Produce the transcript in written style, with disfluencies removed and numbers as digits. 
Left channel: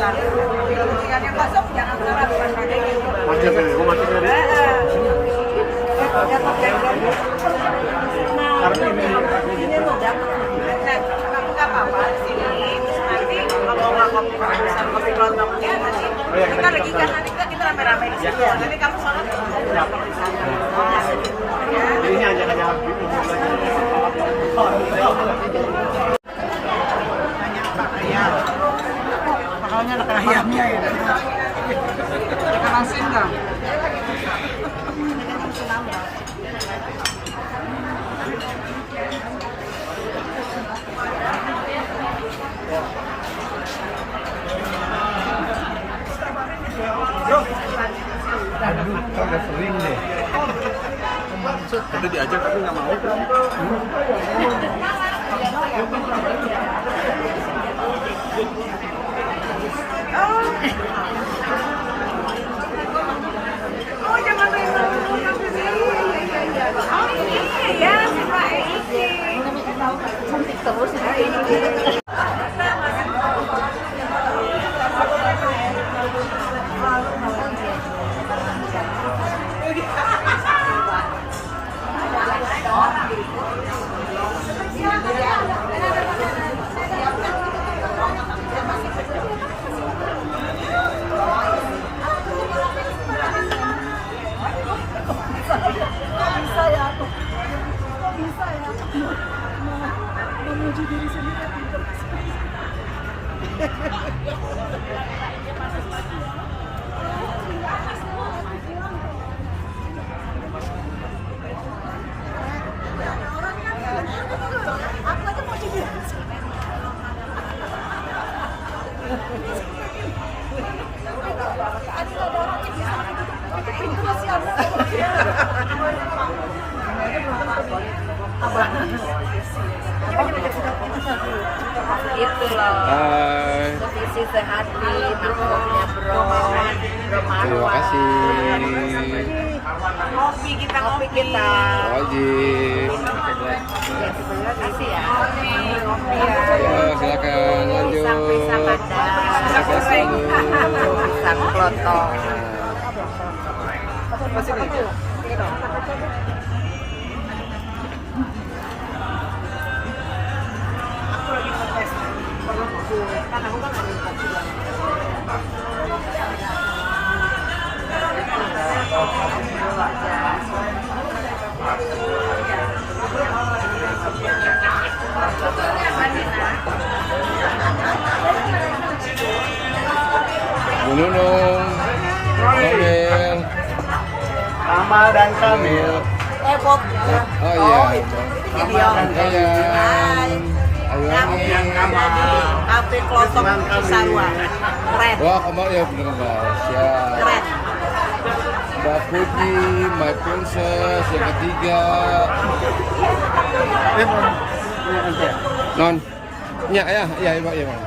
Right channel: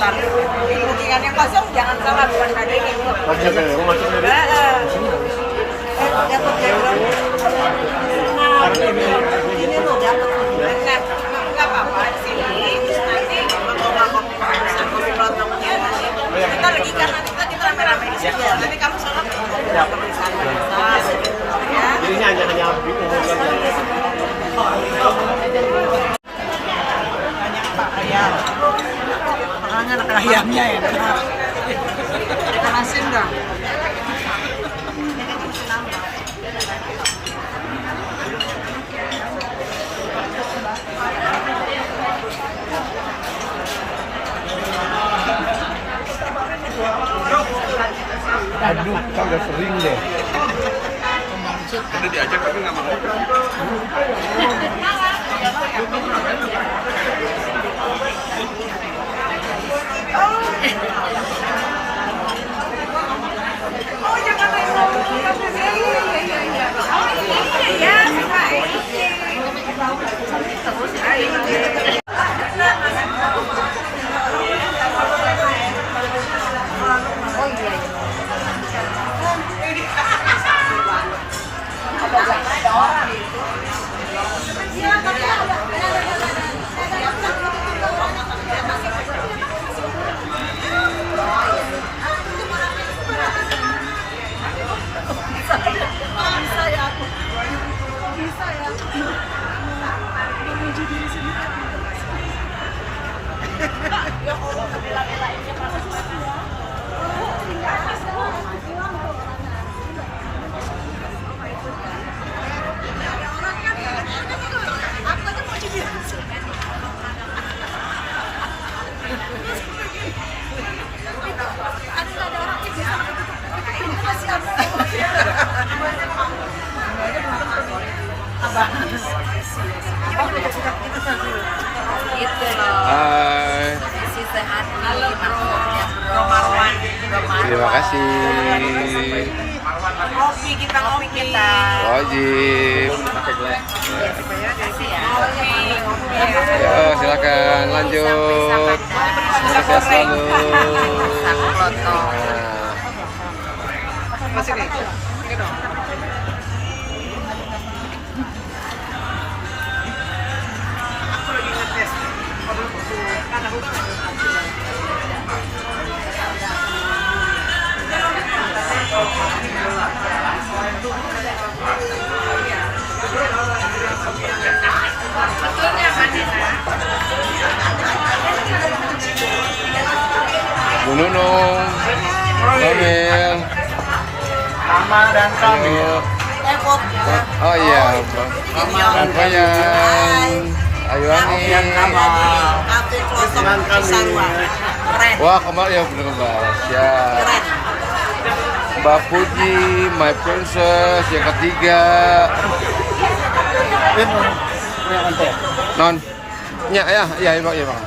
sebentar. Ini bookingan yang kosong jangan salah bukan daging. Dapat background. Nah, ini lo dapat. Nah, nggak apa-apa di sini. Terus nanti kalau bisa kopi lontongnya, kita regikan nanti kita rame-rame di situ. Nanti kamu sholat mau di sana. Ya. Ini hanya Makanya ada ayamnya ya. Ikan asin enggak? aduh, kagak sering deh. Maksud tadi diajak tapi nggak mau. Oh, jangan oh iya ya, sama itu loh. Hai. Isi sehati. Halo bro. Bro Marwan. Terima kasih. Kopi kita Wajib. Kasih ya. Ngopi ya. Yo, silakan lanjut. Sukses selalu. Bu Nunung, Kamil, Amal dan kami. Oh iya, dan Koyan, Ayuani. Kafe Klotok Cisarua. Keren. Wah, kemarin ya bener kembar. Siap. Keren. Mbak Puji, My Princess yang ketiga. Non. Ya, Bang.